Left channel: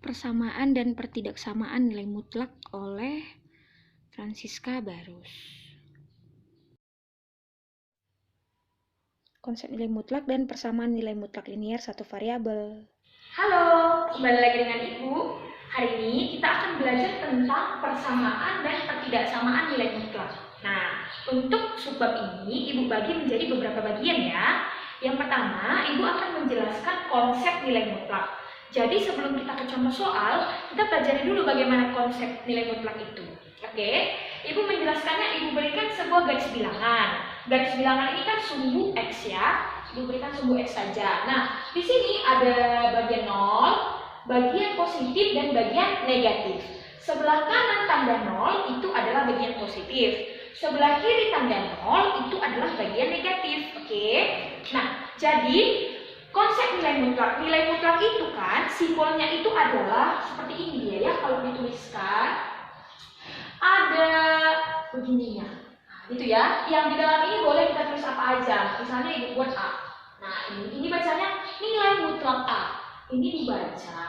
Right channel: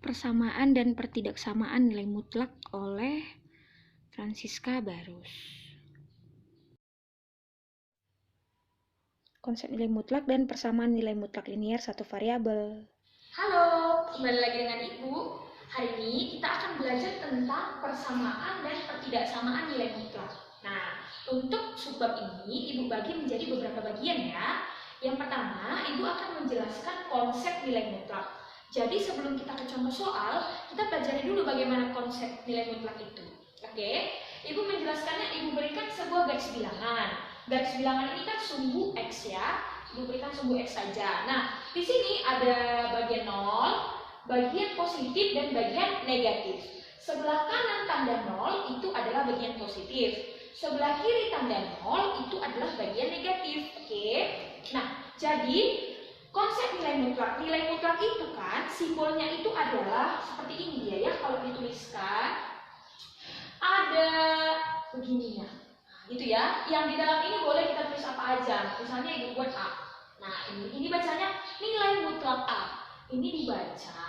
Persamaan dan pertidaksamaan nilai mutlak oleh Francisca Barus. Konsep nilai mutlak dan persamaan nilai mutlak linier satu variabel. Halo, kembali lagi dengan Ibu. Hari ini kita akan belajar tentang persamaan dan pertidaksamaan nilai mutlak. Nah, untuk subbab ini Ibu bagi menjadi beberapa bagian ya. Yang pertama, Ibu akan menjelaskan konsep nilai mutlak. Jadi sebelum kita ke contoh soal, kita pelajari dulu bagaimana konsep nilai mutlak itu. Oke, Ibu menjelaskannya, Ibu berikan sebuah garis bilangan. Garis bilangan ini kan sumbu X ya. Ibu berikan sumbu X saja. Nah, di sini ada bagian 0, bagian positif, dan bagian negatif. Sebelah kanan tanda 0 itu adalah bagian positif. Sebelah kiri tanda 0 itu adalah bagian negatif. Oke. Nah, jadi konsep nilai mutlak itu kan simbolnya itu adalah seperti ini dia ya, kalau dituliskan ada begininya. Nah, gitu ya. Yang di dalam ini boleh kita tulis apa aja. Misalnya Ibu buat A. Nah, ini bacanya nilai mutlak A. Ini dibaca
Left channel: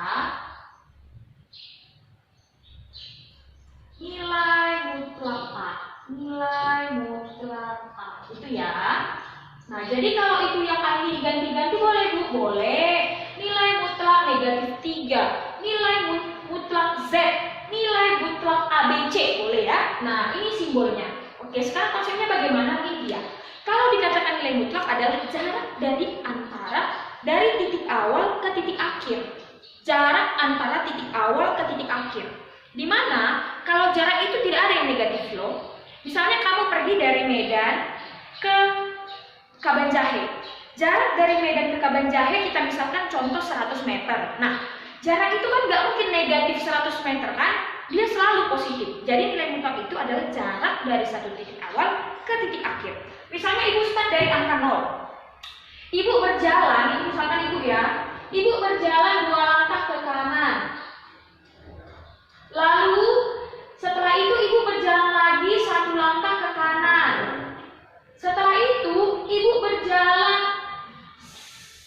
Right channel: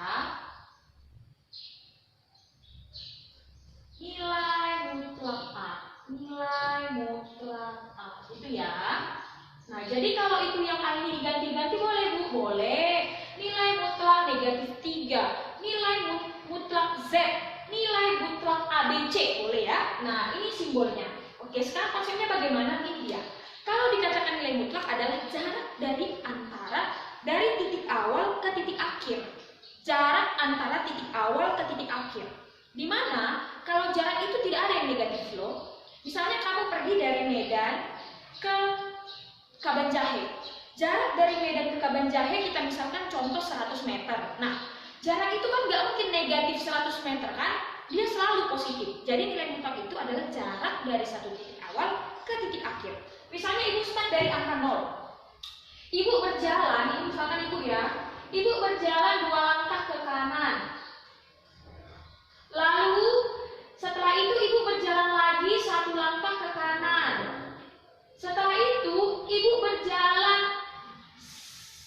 nilai mutlak A. Nilai mutlak A. Itu ya. Nah, jadi kalau itu yang A ini diganti-ganti boleh Bu? Boleh. Nilai mutlak negatif 3. Nilai mutlak Z. Nilai mutlak ABC. Boleh ya? Nah, ini simbolnya. Oke, sekarang konsepnya bagaimana? Ini dia. Kalau dikatakan nilai mutlak adalah jarak dari titik awal ke titik akhir. Jarak antara titik awal ke titik akhir. Dimana kalau jarak itu tidak ada yang negatif loh. Misalnya kamu pergi dari Medan ke Kabanjahe. Jarak dari Medan ke Kabanjahe kita misalkan contoh 100 meter. Nah, jarak itu kan nggak mungkin negatif 100 meter kan? Dia selalu positif. Jadi nilai mutlak itu adalah jarak dari satu titik awal ke titik akhir. Misalnya Ibu start dari angka 0. Ibu berjalan, ini misalkan Ibu ya. Ibu berjalan 2 langkah ke kanan. Lalu setelah itu Ibu berjalan lagi 1 langkah ke kanan. Setelah itu Ibu berjalan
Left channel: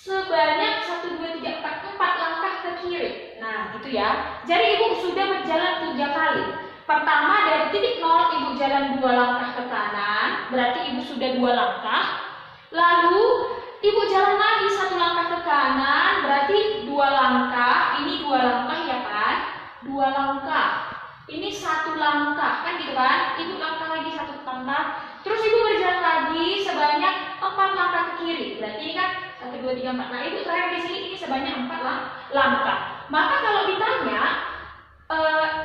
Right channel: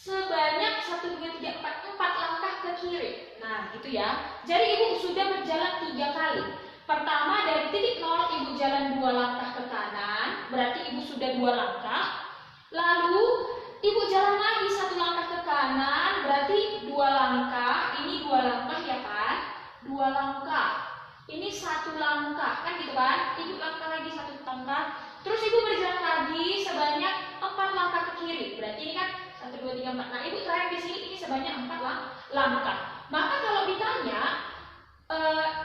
sebanyak 1, 2, 3, 4 langkah ke kiri. Nah, gitu ya. Jadi Ibu sudah berjalan 3 kali. Pertama dari titik 0 Ibu jalan 2 langkah ke kanan, berarti Ibu sudah 2 langkah. Lalu Ibu jalan lagi 1 langkah ke kanan, berarti 2 langkah. Ini 2 langkah ya kan? 2 langkah. Ini 1 langkah, kan gitu kan? Ibu langkah lagi 1 langkah. Terus Ibu berjalan lagi sebanyak 4 langkah ke kiri. Berarti ini kan 1, 2, 3, 4. Nah, Ibu terakhir di sini ini sebanyak 4 langkah. Maka kalau ditanya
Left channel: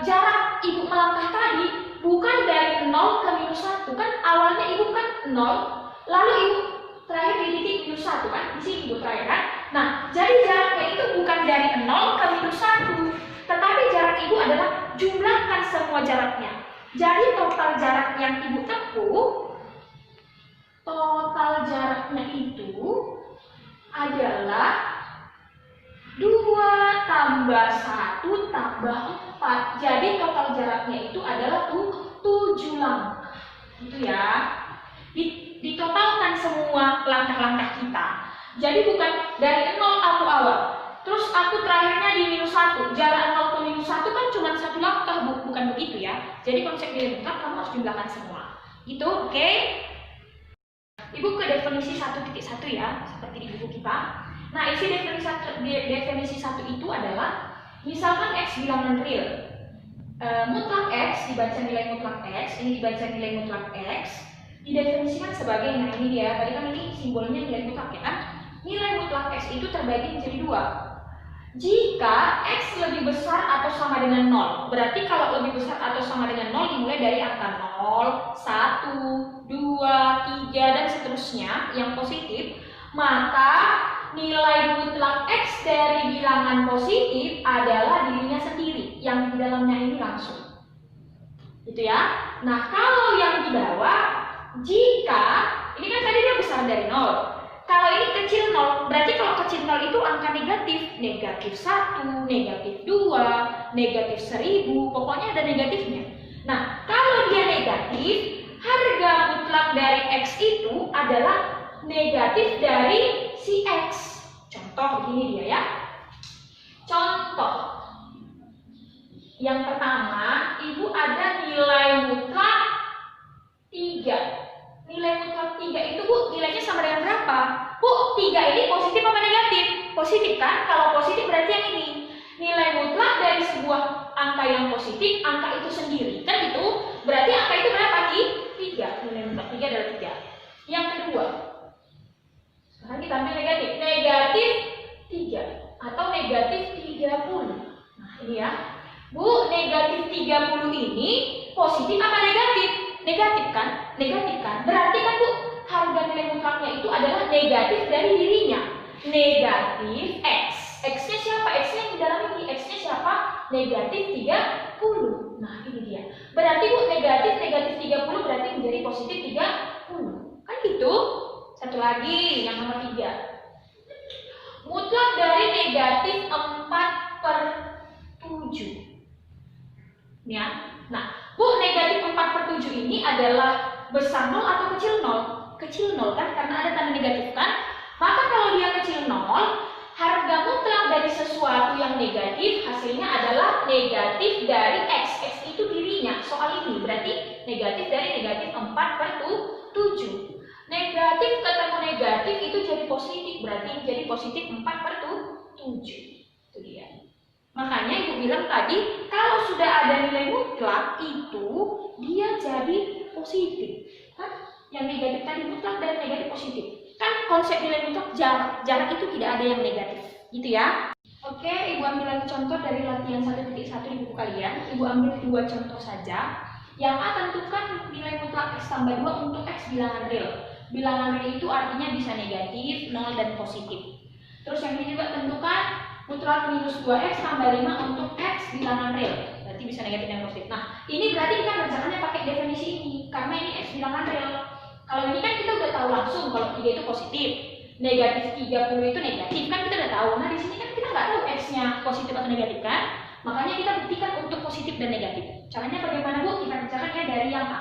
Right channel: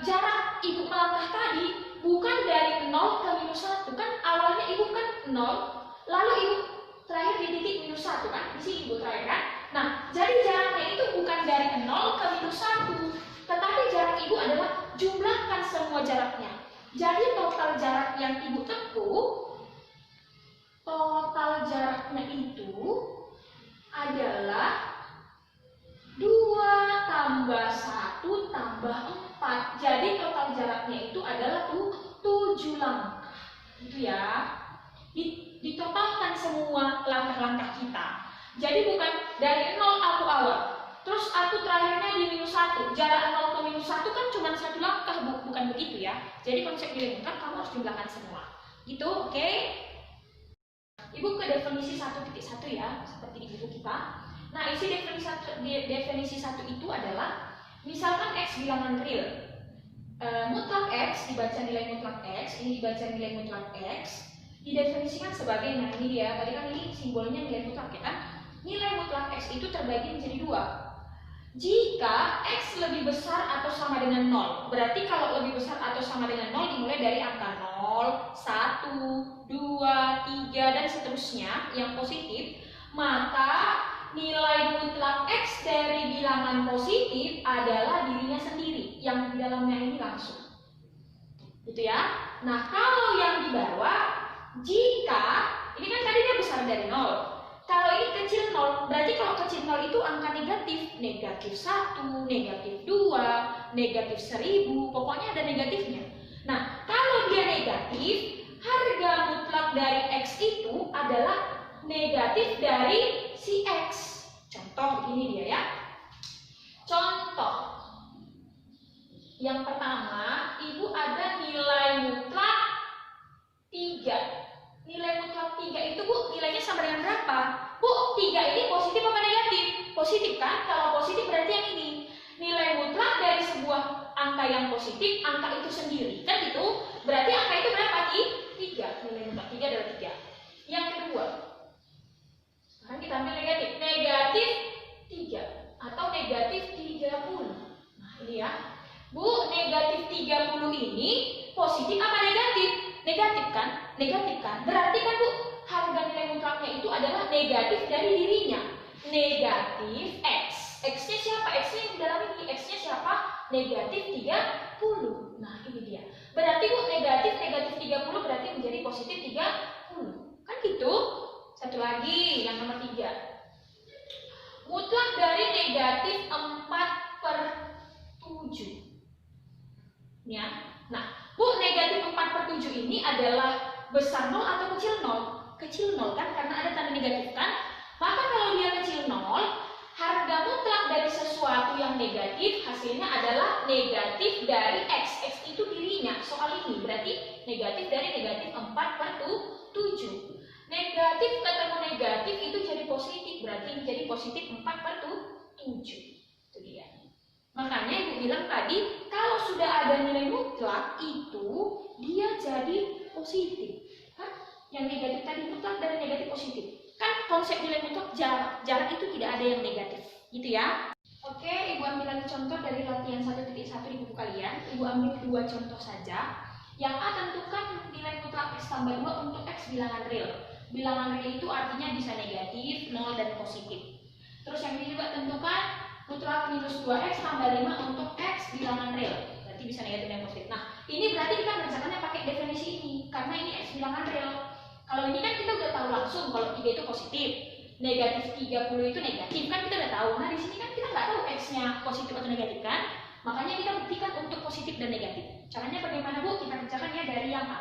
jarak Ibu melangkah tadi bukan dari 0 ke minus 1 kan, awalnya Ibu kan 0, lalu Ibu terakhir di titik minus 1 kan, di sini Ibu terakhir kan. Nah, jadi jaraknya itu bukan dari 0 ke minus 1, tetapi jarak Ibu adalah jumlahkan semua jaraknya. Jadi total jarak yang Ibu tempuh, total jaraknya itu adalah 2 tambah 1 tambah 4. Jadi total jaraknya itu adalah 7 langkah. Gitu ya. Ditotalkan semua langkah-langkah kita. Jadi bukan dari 0 aku awal, terus aku terakhirnya di minus 1. Jarak 0 ke minus 1 kan cuma 1 langkah, bukan begitu ya. Jadi konsep nilai mutlak kamu harus jumlahkan semua. Gitu, oke? Ibu ke definisi 1.1 ya, seperti di buku kita. Nah, isi definisi 1 itu adalah misalkan X bilangan real. Mutlak X dibaca nilai mutlak X, ini dibaca nilai mutlak X, didefinisikan sebagai, nah ini dia, tadi kan ini simbolnya nilai mutlak ya kan? Nilai mutlak X itu terbagi menjadi 2. Jika X lebih besar atau sama dengan 0, berarti kalau lebih besar atau sama dengan 0 dimulai dari angka 0, 1, 2, 3, dan seterusnya yang positif, maka nilai mutlak X dari bilangan positif adalah dirinya sendiri, yang di dalamnya ini langsung. Gitu ya. Nah, kalau yang di bawah, jika, ini kan tadi dia besar dari 0. Kalau ini kecil 0, berarti kalau kecil 0 itu angka negatif. Negatif 1, negatif 2, negatif 1000, pokoknya ada negatifnya. Nah, kalau dia negatif, harga mutlak dari X itu adalah negatif dari si X. Contoh begini dia ya. Contoh Yang pertama, Ibu ada nilai mutlak 3. Nilai mutlak 3 itu Bu, nilainya sama dengan berapa? Bu, 3 ini positif apa negatif? Positif kan? Kalau positif berarti yang ini. Nilai mutlak dari sebuah angka yang positif, angka itu sendiri. Kan gitu? Berarti angka itu berapa, Ki? 3. Nilai mutlak 3 adalah 3. Yang kedua, sekarang kita ambil negatif. Negatif 3 atau negatif 30. Nah, ini ya. Bu, negatif 30 ini positif apa negatif? Negatif kan? Negatif kan? Berarti kan Bu, harga nilai mutlaknya itu adalah negatif dari dirinya. Negatif X. X-nya siapa? X-nya yang di dalam ini. X-nya siapa? Negatif 30. Nah, ini dia. Berarti Bu, negatif 30 berarti menjadi positif 30. Kan gitu? Satu lagi, yang nomor 3. Mutlak dari negatif 4/7. Ya. Nah, Bu, negatif 4/7 ini adalah besar 0 atau kecil 0? Kecil 0 kan, karena ada tanda negatif kan? Maka kalau dia kecil 0, harga mutlak dari sesuatu yang negatif hasilnya adalah negatif dari X. X itu dirinya, soal ini berarti negatif dari negatif 4/7. Negatif ketemu negatif itu jadi positif, berarti jadi positif 4/7. Itu dia. Makanya Ibu bilang tadi, kalau sudah ada nilai mutlak itu dia jadi positif. Kan yang negatif tadi mutlak dari negatif positif. Kan konsep nilai mutlak jarak itu tidak ada yang negatif, gitu ya. Oke, Ibu ambil lagi contoh dari latihan 1.1 di buku kalian. Ibu ambil 2 contoh saja. Yang A, tentukan nilai mutlak X tambah 2 untuk X bilangan real. Bilangan real itu artinya bisa negatif, 0, dan positif. Terus yang ini juga tentukan mutlak minus 2X tambah 5 untuk X bilangan real. Berarti bisa negatif dan positif. Nah, ini berarti kita ngerjakannya pakai definisi ini. Karena ini X bilangan real. Kalau ini kan kita udah tahu langsung kalau 3 itu positif. Negatif 30 itu negatif. Kan kita udah tahu. Nah, di sini kan kita nggak tahu X-nya positif atau negatif kan? Makanya kita buktikan untuk positif dan negatif. Caranya bagaimana, Bu? Kita kerjakan ya dari yang A.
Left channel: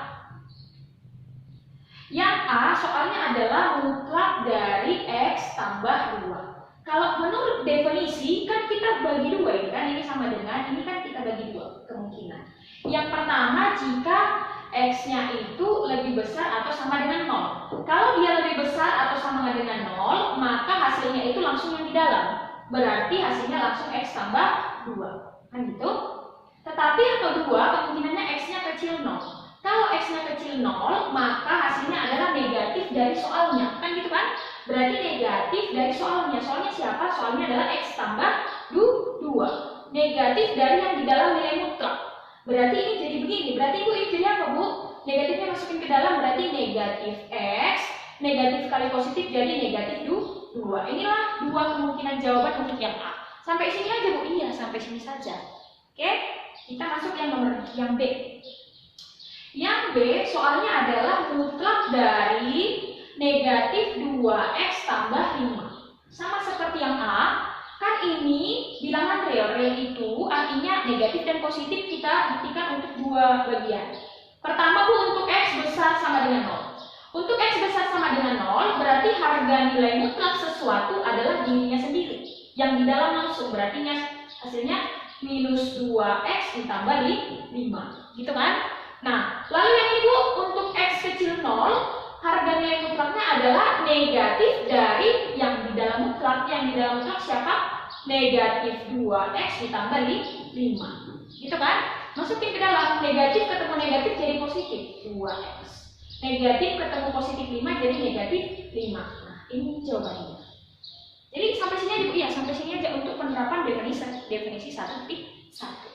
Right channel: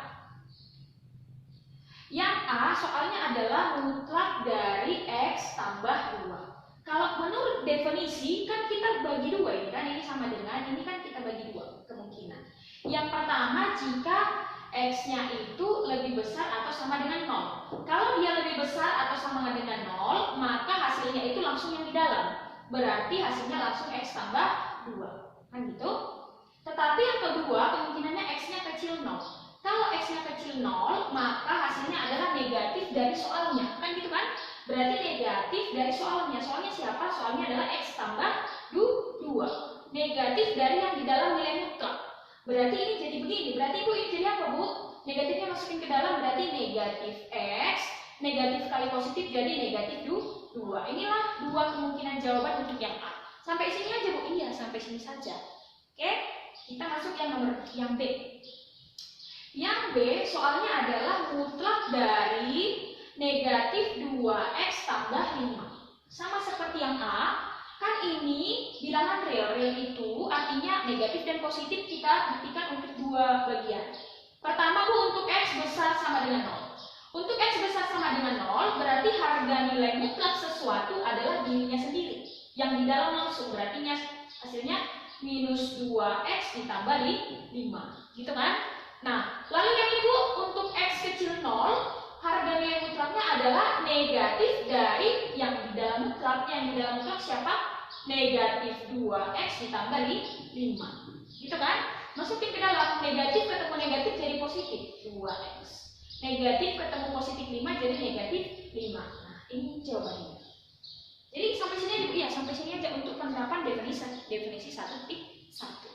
Yang A soalnya adalah mutlak dari X tambah 2. Kalau menurut definisi kan kita bagi 2 ini kan, ini sama dengan ini kan kita bagi 2 kemungkinan. Yang pertama, jika X-nya itu lebih besar atau sama dengan 0. Kalau dia lebih besar atau sama dengan 0, maka hasilnya itu langsung yang di dalam. Berarti hasilnya langsung X tambah 2. Kan gitu? Tetapi yang kedua, kemungkinannya X-nya kecil 0. Kalau X-nya kecil 0, maka hasilnya adalah negatif dari soalnya. Kan gitu kan? Berarti negatif dari soalnya. Soalnya siapa? Soalnya adalah X tambah 2. Negatif dari yang di dalam nilai mutlak. Berarti ini jadi begini. Berarti Ibu ini jadi apa, Bu? Negatifnya masukin ke dalam berarti negatif X. Negatif kali positif jadi negatif 2. Inilah 2 kemungkinan jawaban untuk yang A. Sampai sini aja, Bu? Iya, sampai sini saja. Oke? Kita masuk yang B. Yang B soalnya adalah mutlak dari negatif 2X tambah 5. Sama seperti yang A, kan ini bilangan real. Real itu artinya negatif dan positif kita buktikan untuk 2 bagian. Pertama, Bu, untuk X besar sama dengan 0. Untuk X besar sama dengan 0, berarti harga nilai mutlak sesuatu adalah dirinya sendiri. Yang di dalam langsung, berarti hasilnya minus 2X ditambah 5. Gitu kan? Nah, lalu yang ini, Bu, untuk X kecil 0, harga nilai mutlaknya adalah negatif dari yang di dalam mutlak. Yang di dalam mutlak siapa? Negatif 2X ditambah 5. Gitu kan? Masukin ke dalam, negatif ketemu negatif jadi positif 2X. Negatif ketemu positif 5 jadi negatif 5. Nah, ini jawabannya. Jadi sampai sini aja, Bu. Ya, sampai sini aja untuk penerapan definisi 1.1.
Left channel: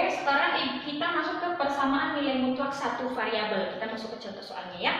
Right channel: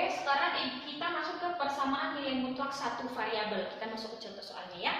Oke, sekarang kita masuk ke persamaan nilai mutlak satu variabel. Kita masuk ke contoh soalnya ya.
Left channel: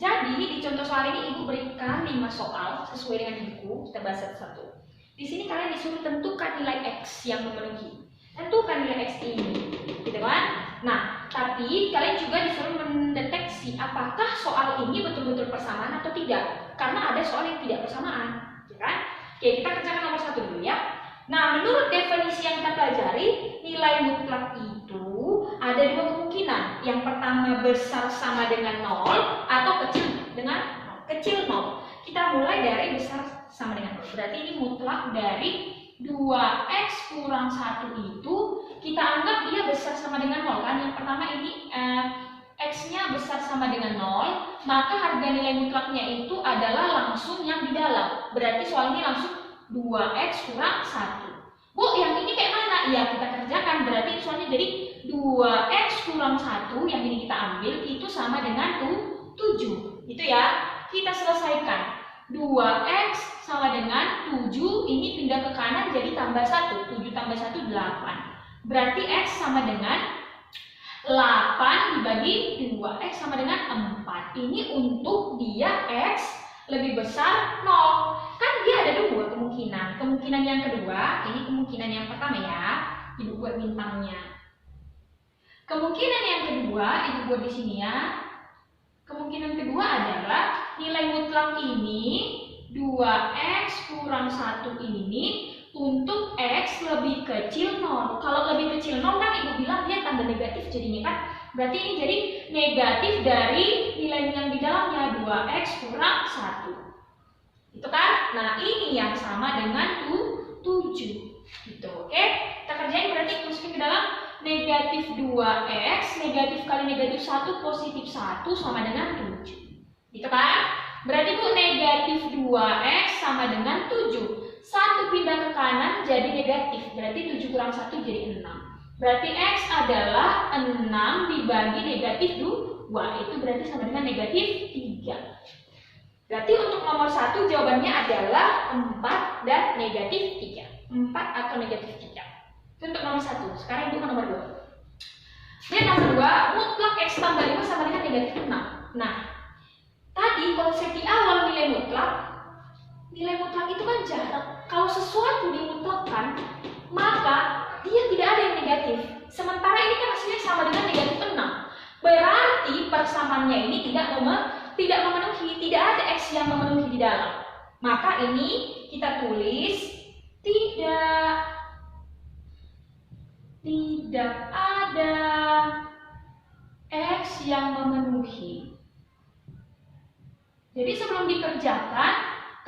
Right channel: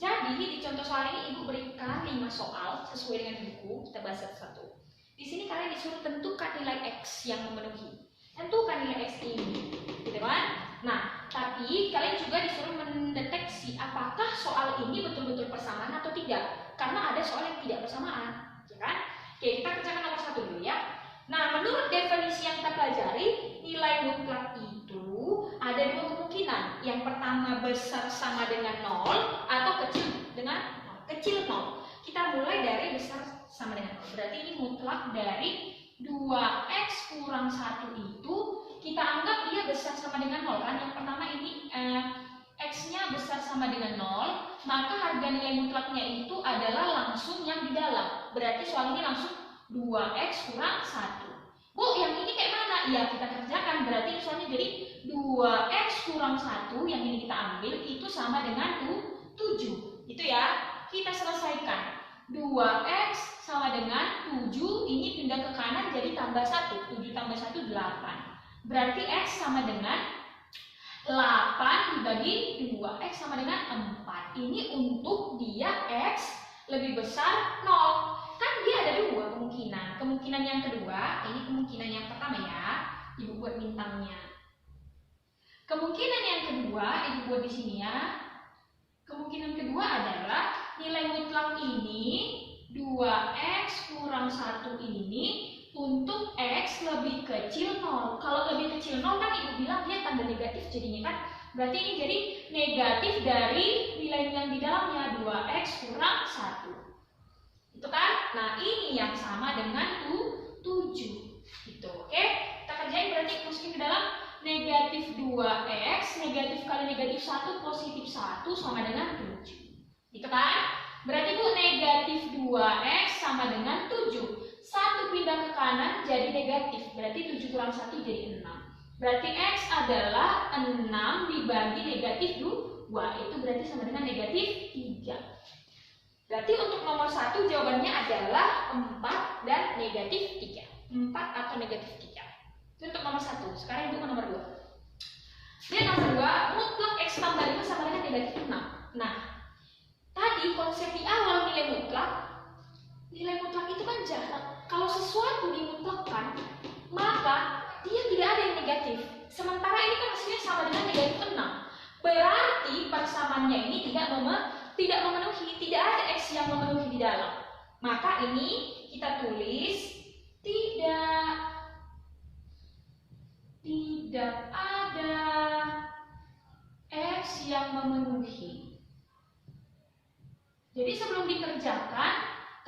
Jadi di contoh soal ini Ibu berikan 5 soal sesuai dengan buku. Kita bahas satu-satu. Di sini kalian disuruh tentukan nilai X yang memenuhi. Tentukan nilai X ini, gitu kan? Nah, tapi kalian juga disuruh mendeteksi apakah soal ini betul-betul persamaan atau tidak. Karena ada soal yang tidak persamaan, ya kan? Oke, kita kerjakan nomor 1 dulu ya. Nah, menurut definisi yang kita pelajari, nilai mutlak itu ada 2 kemungkinan. Yang pertama besar sama dengan 0 atau kecil dengan 0. Kecil 0. Kita mulai dari besar sama dengan 0. Berarti ini mutlak dari 2X kurang 1 itu kita kita anggap dia besar sama dengan 0 kan. Yang pertama ini X-nya besar sama dengan 0, maka harga nilai mutlaknya itu adalah langsung yang di dalam. Berarti soal ini langsung 2X kurang 1. Bu, yang ini kayak mana? Ya, kita kerjakan. Berarti soalnya jadi 2X kurang 1, yang ini kita ambil, itu sama dengan 7. Itu ya, kita selesaikan. 2X sama dengan 7, ini pindah ke kanan jadi tambah 1. 7 tambah 1, 8. Berarti X sama dengan 8 dibagi 2, X sama dengan 4. Ini untuk dia X lebih besar 0. Kan dia ada dua kemungkinan. Kemungkinan yang kedua, ini kemungkinan yang pertama ya, Ibu buat bintangnya. Kemungkinan yang kedua, Ibu buat di sini ya. Kemungkinan kedua adalah nilai mutlak ini 2X kurang 1 ini untuk X lebih kecil 0. Kalau lebih kecil 0 kan Ibu bilang dia tanda negatif jadinya kan. Berarti ini jadi negatif dari nilai yang di dalamnya 2X kurang 1. Itu kan? Nah, ini yang sama dengan 7. Gitu. Oke? Kita kerjain berarti masukin ke dalam negatif 2X, negatif kali negatif 1 positif 1 sama dengan 7. Gitu kan? Berarti Bu, negatif 2X sama dengan 7. 1 pindah ke kanan jadi negatif, berarti 7 kurang 1 jadi 6. Berarti X adalah 6 dibagi negatif 2, itu berarti sama dengan negatif 3. Berarti untuk nomor 1 jawabannya adalah 4 dan negatif 3. 4 atau negatif 3. Itu untuk nomor 1. Sekarang itu ke nomor 2. Dan nomor 2, mutlak X tambah 5 sama dengan negatif 6. Nah, tadi konsep di awal nilai mutlak itu kan jarak. Kalau sesuatu dimutlakkan, maka dia tidak ada yang negatif. Sementara ini kan hasilnya sama dengan negatif 6. Berarti persamaannya ini tidak memenuhi, tidak ada X yang memenuhi di dalam. Maka ini kita tulis tidak ada X yang memenuhi. Jadi sebelum dikerjakan,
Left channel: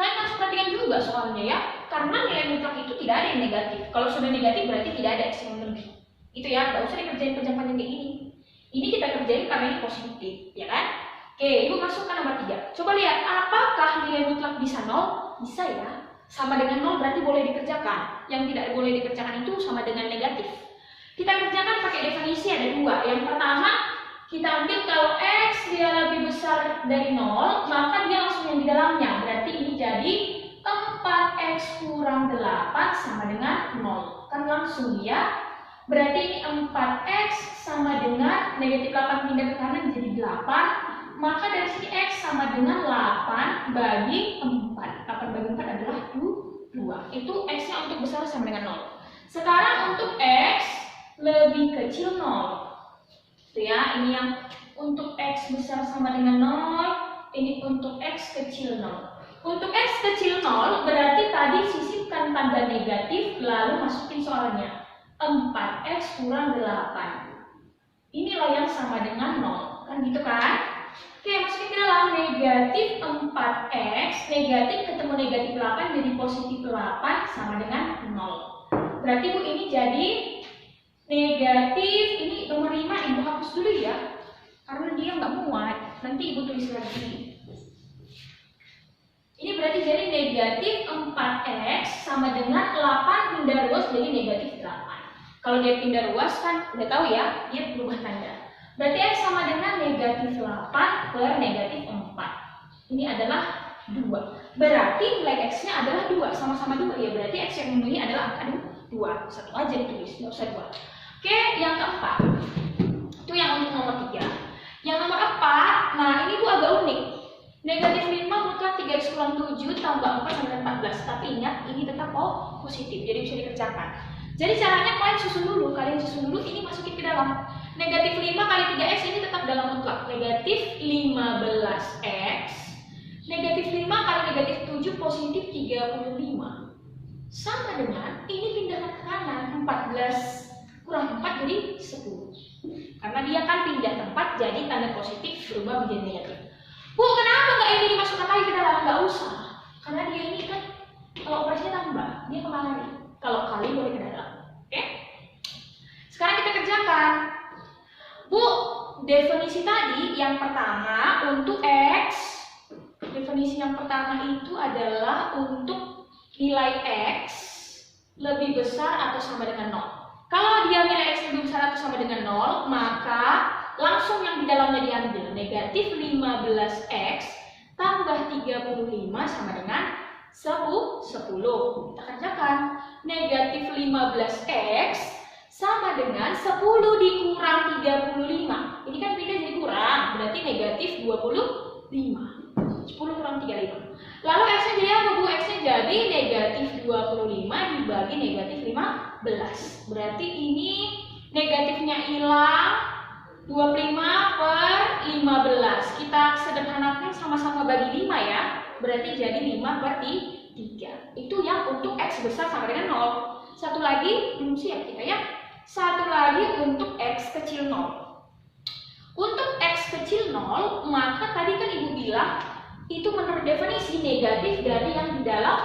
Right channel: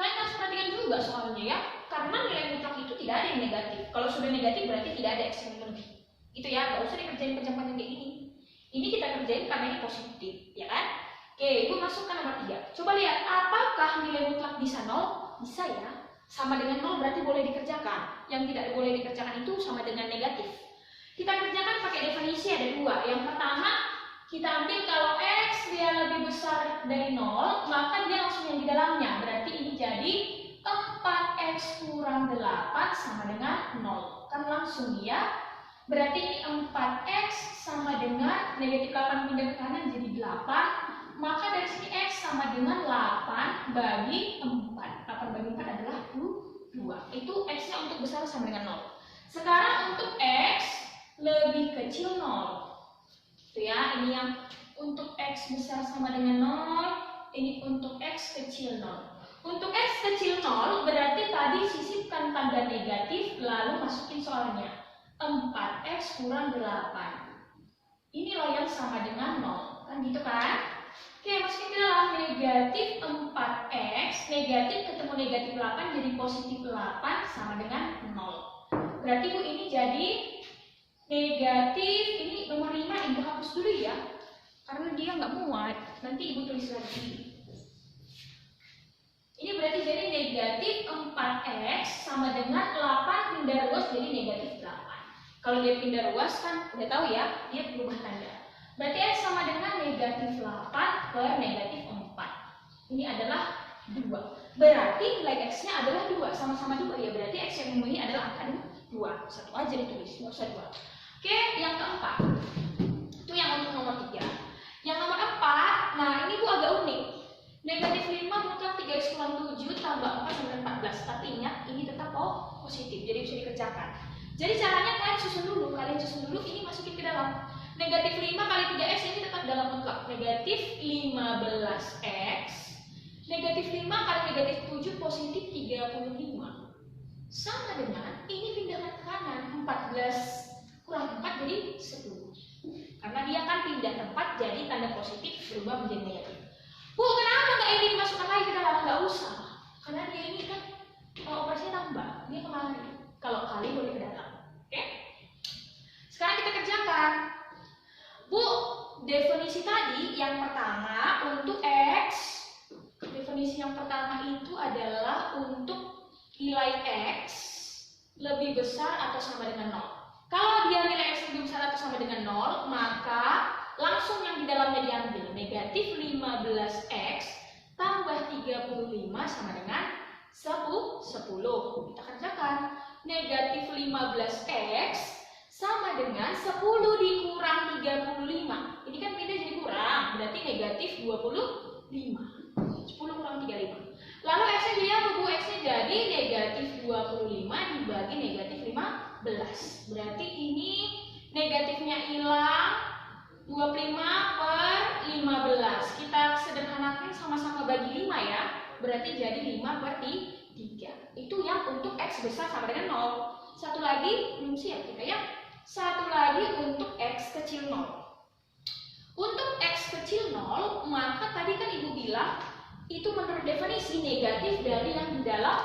kalian harus perhatikan juga soalnya ya, karena nilai mutlak itu tidak ada yang negatif. Kalau sudah negatif berarti tidak ada X yang memenuhi. Itu ya, nggak usah dikerjain panjang-panjang kayak gini. Ini kita kerjain karena ini positif, ya kan? Oke, Ibu masukkan nomor 3. Coba lihat, apakah nilai mutlak bisa 0? Bisa ya. Sama dengan 0 berarti boleh dikerjakan. Yang tidak boleh dikerjakan itu sama dengan negatif. Kita kerjakan pakai definisi ada 2. Yang pertama, kita ambil kalau X dia lebih besar dari 0, maka dia langsung yang di dalamnya. Berarti ini jadi 4X kurang 8 sama dengan 0. Kan langsung ya. Berarti ini 4X sama dengan negatif 8 pindah ke kanan jadi 8. Maka dari sini X sama dengan 8 bagi 4. 8 bagi 4 adalah 2. Itu X-nya untuk besar sama dengan 0. Sekarang untuk X lebih kecil 0. Itu ya, ini yang untuk X besar sama dengan 0, ini untuk X kecil 0. Untuk X kecil 0 berarti tadi sisipkan tanda negatif lalu masukin soalnya 4X kurang 8. Inilah yang sama dengan 0, kan gitu kan? Oke, masukin ke dalam negatif 4X, negatif ketemu negatif 8 jadi positif 8 sama dengan 0. Berarti Bu ini jadi negatif, ini nomor 5 Ibu hapus dulu ya, karena dia nggak muat. Nanti Ibu tulis lagi. Ini berarti jadi negatif 4X sama dengan 8 pindah ruas jadi negatif 8. Kalau dia pindah ruas kan udah tahu ya, dia berubah tanda. Berarti X sama dengan negatif 8 per negatif 4. Ini adalah 2. Berarti nilai X-nya adalah 2, sama-sama 2 ya. Berarti X yang memenuhi adalah angka 2. Satu aja ditulis, nggak usah 2. Oke, yang keempat. Itu yang untuk nomor 3. Yang nomor 4, nah ini Bu agak unik. Negatif 5 mutlak 3X kurang 7 tambah 4 sama dengan 14. Tapi ingat, ini tetap positif, jadi bisa dikerjakan. Jadi caranya kalian susun dulu, ini masukin ke dalam. Negatif 5 kali 3X ini tetap dalam mutlak. Negatif 15X. Negatif 5 kali negatif 7 positif 35. Sama dengan, ini pindah ke kanan, 14 kurang 4 jadi 10. Karena dia kan pindah tempat, jadi tanda positif berubah menjadi negatif. Bu, kenapa nggak ini dimasukkan lagi ke dalam? Nggak usah. Karena dia ini kan, kalau operasinya tambah, dia kemari. Kalau kali boleh ke dalam. Oke? Sekarang definisi tadi yang pertama untuk X, definisi yang pertama itu adalah untuk nilai X lebih besar atau sama dengan 0. Kalau dia nilai X lebih besar atau sama dengan 0, maka langsung yang di dalamnya diambil, negatif 15X tambah 35 sama dengan 10. Kita kerjakan. Negatif 15X sama dengan 10 dikurang 35. Ini kan pindah jadi kurang, berarti negatif 25. 10 kurang 35. Lalu X-nya jadi apa, Bu? X-nya jadi negatif 25 dibagi negatif 15. Berarti ini negatifnya hilang, 25 per 15. Kita sederhanakan sama-sama bagi 5 ya. Berarti jadi 5 per 3. Itu yang untuk X besar sama dengan 0. Satu lagi, belum siap kita ya. Satu lagi untuk X kecil 0. Untuk X kecil 0, maka tadi kan Ibu bilang itu menurut definisi negatif dari yang di dalam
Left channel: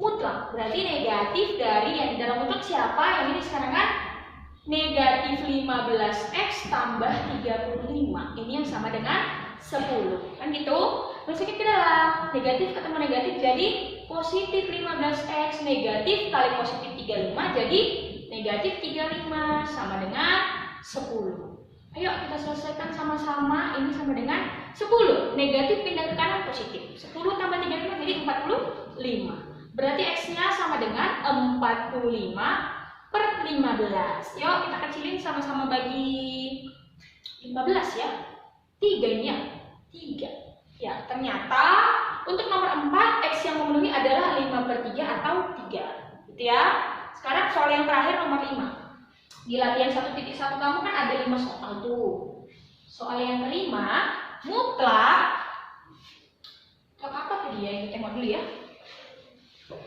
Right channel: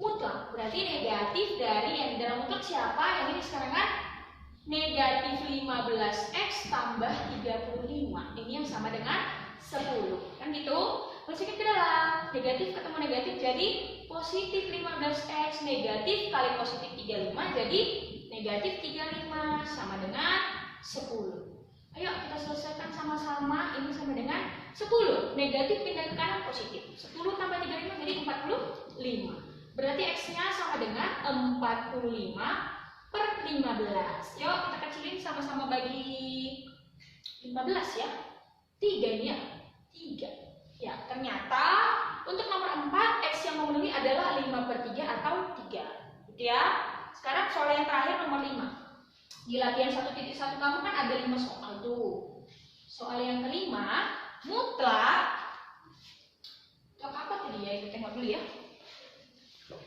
mutlak. Berarti negatif dari yang di dalam mutlak siapa? Yang ini sekarang kan negatif 15X tambah 35. Ini yang sama dengan 10. Kan gitu? Masukin ke dalam. Negatif ketemu negatif jadi positif 15X. Negatif kali positif 35 jadi negatif 35 sama dengan 10. Ayo kita selesaikan sama-sama. Ini sama dengan 10. Negatif pindah ke kanan positif. 10 tambah 35 jadi 45. Berarti X-nya sama dengan 45 per 15. Yuk kita kecilin sama-sama bagi 15 ya. 3 ini ya. 3. Ya ternyata untuk nomor 4 X yang memenuhi adalah 5 per 3 atau 3. Gitu ya. Sekarang soal yang terakhir nomor 5. Di latihan 1.1 kamu kan ada 5 soal tuh. Soal yang kelima, mutlak apa tadi ya? Kita tengok dulu ya.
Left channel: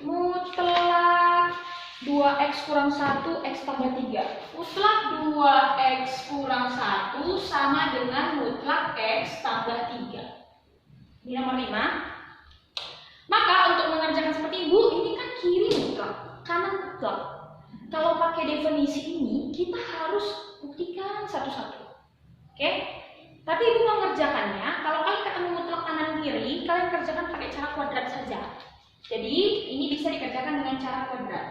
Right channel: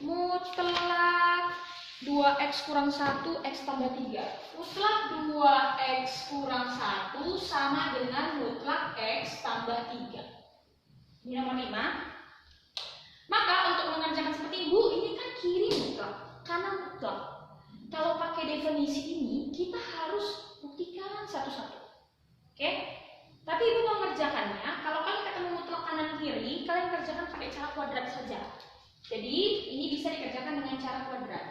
Mutlak 2X kurang 1 X tambah 3. Mutlak 2X kurang 1 sama dengan mutlak X tambah 3. Ini nomor 5. Maka untuk mengerjakan seperti Ibu, ini kan kiri mutlak, kanan mutlak. Kalau pakai definisi ini, kita harus buktikan satu-satu. Oke? Tapi Ibu mengerjakannya, kalau kalian ketemu mutlak kanan kiri, kalian kerjakan pakai cara kuadrat saja. Jadi, ini bisa dikerjakan dengan cara kuadrat.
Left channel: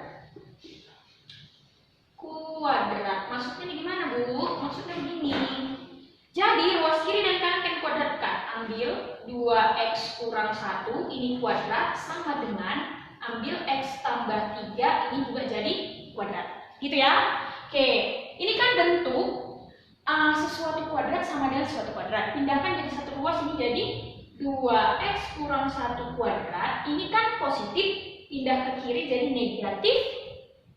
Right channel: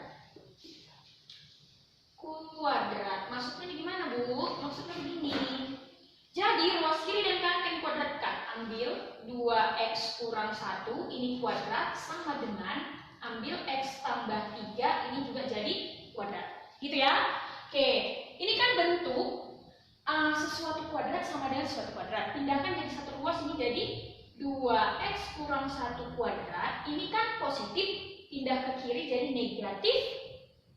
Kuadrat, maksudnya gimana, Bu? Maksudnya begini. Jadi, ruas kiri dan kanan kan kuadratkan. Ambil 2X kurang 1, ini kuadrat, sama dengan ambil X tambah 3, ini juga jadi kuadrat. Gitu ya. Oke, ini kan bentuk sesuatu kuadrat sama dengan sesuatu kuadrat. Pindahkan jadi satu ruas, ini jadi 2X kurang 1 kuadrat. Ini kan positif, pindah ke kiri jadi negatif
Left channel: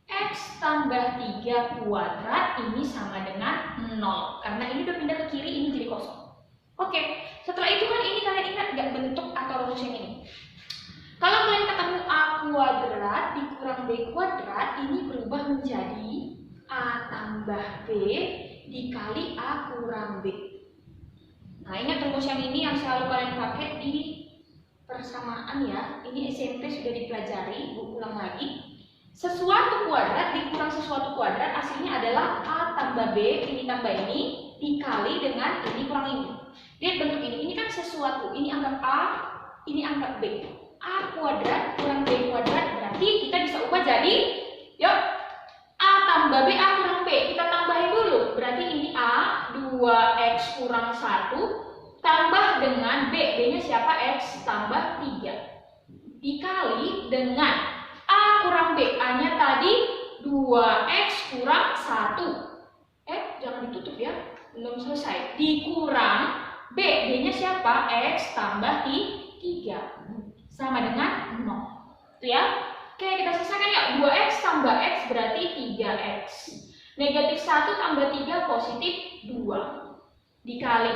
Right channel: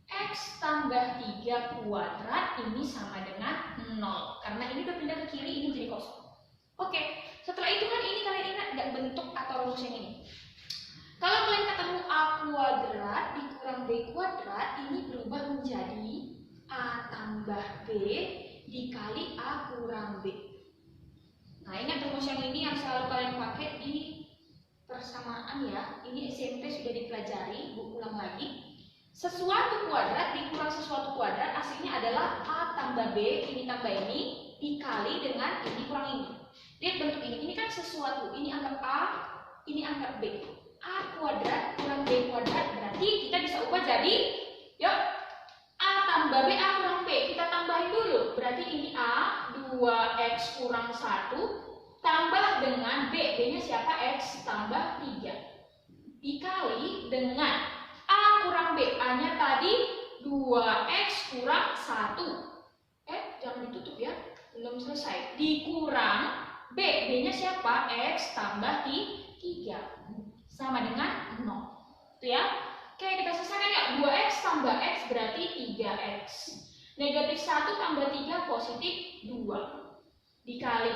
X tambah 3 kuadrat. Ini sama dengan 0. Karena ini udah pindah ke kiri, ini jadi kosong. Oke, setelah itu kan ini kalian ingat gak bentuk atau rumus yang ini? Kalau kalian ketemu A kuadrat dikurang B kuadrat, ini berubah menjadi A tambah B dikali A kurang B. Nah, ingat rumus yang ini yang selalu kalian pakai di persamaan ya. Ini SMP sudah dipelajari, Bu ulang lagi. Sesuatu kuadrat dikurang sesuatu kuadrat hasilnya adalah A tambah B, ini tambah ini, dikali dengan ini kurang ini. Lihat bentuk ini kan sesuatu, ini anggap A, ini anggap B. A kuadrat kurang B kuadrat, berarti kita bisa ubah jadi, yuk, A tambah B, A kurang B, kita tambahin dulu. Berarti ini A, 2X kurang 1, tambah dengan B, B-nya siapa? X tambah 3. Dikali dengan A kurang B, A-nya tadi 2X kurang 1. Jangan ditutup ya, belum selesai. Dikurang B, B-nya siapa? X tambah 3. Sama dengan 0. Itu ya. Oke, kita selesaikan ya. 2X tambah X berarti 3X. Negatif 1 tambah 3 positif 2. Dikali.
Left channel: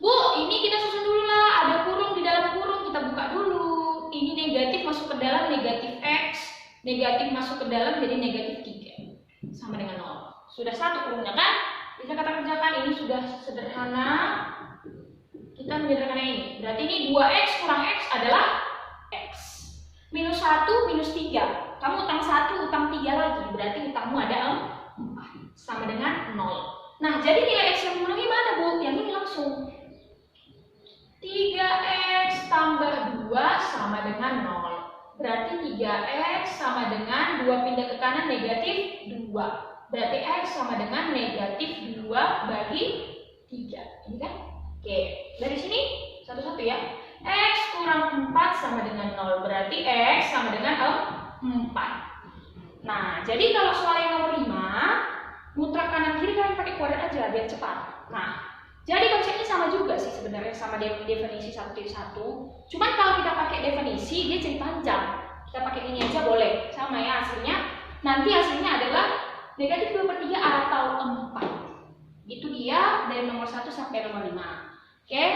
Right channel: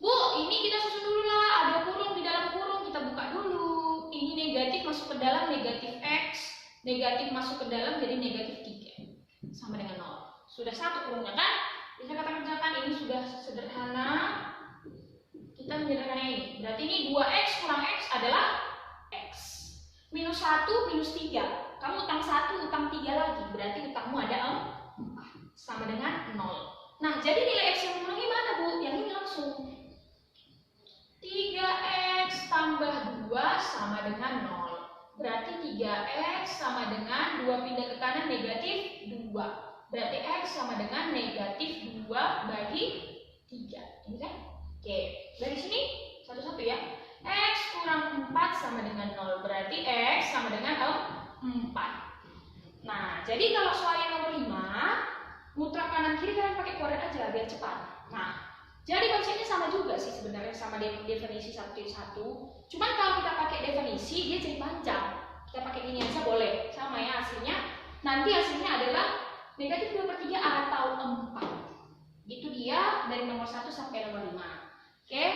Bu, ini kita susun dulu lah. Ada kurung di dalam kurung. Kita buka dulu. Ini negatif masuk ke dalam negatif X. Negatif masuk ke dalam jadi negatif 3. Sama dengan 0. Sudah satu kurungnya kan? Bisa kita kerjakan. Ini sudah sederhana. Kita menyederhanakan ini. Berarti ini 2X kurang X adalah X. Minus 1, minus 3. Kamu utang 1, utang 3 lagi. Berarti utangmu ada 4. Sama dengan 0. Nah, jadi nilai X yang mengulangi mana, Bu? Yang ini langsung. 3X tambah 2 sama dengan 0. Berarti 3X sama dengan 2 pindah ke kanan negatif 2. Berarti X sama dengan negatif 2 bagi 3. Ini kan? Oke, dari sini satu-satu ya. X kurang 4 sama dengan 0. Berarti X sama dengan 4. Nah, jadi kalau soal yang nomor 5, mutlak kanan kiri kalian pakai kuadrat aja biar cepat. Nah, jadi konsepnya sama juga sih sebenarnya sama definisi 1-1. Cuman kalau kita pakai definisi dia jadi panjang. Kita pakai ini aja boleh. Sama ya hasilnya. Nanti hasilnya adalah negatif 2/3 atau 4. Itu dia dari nomor 1 sampai nomor 5. Oke.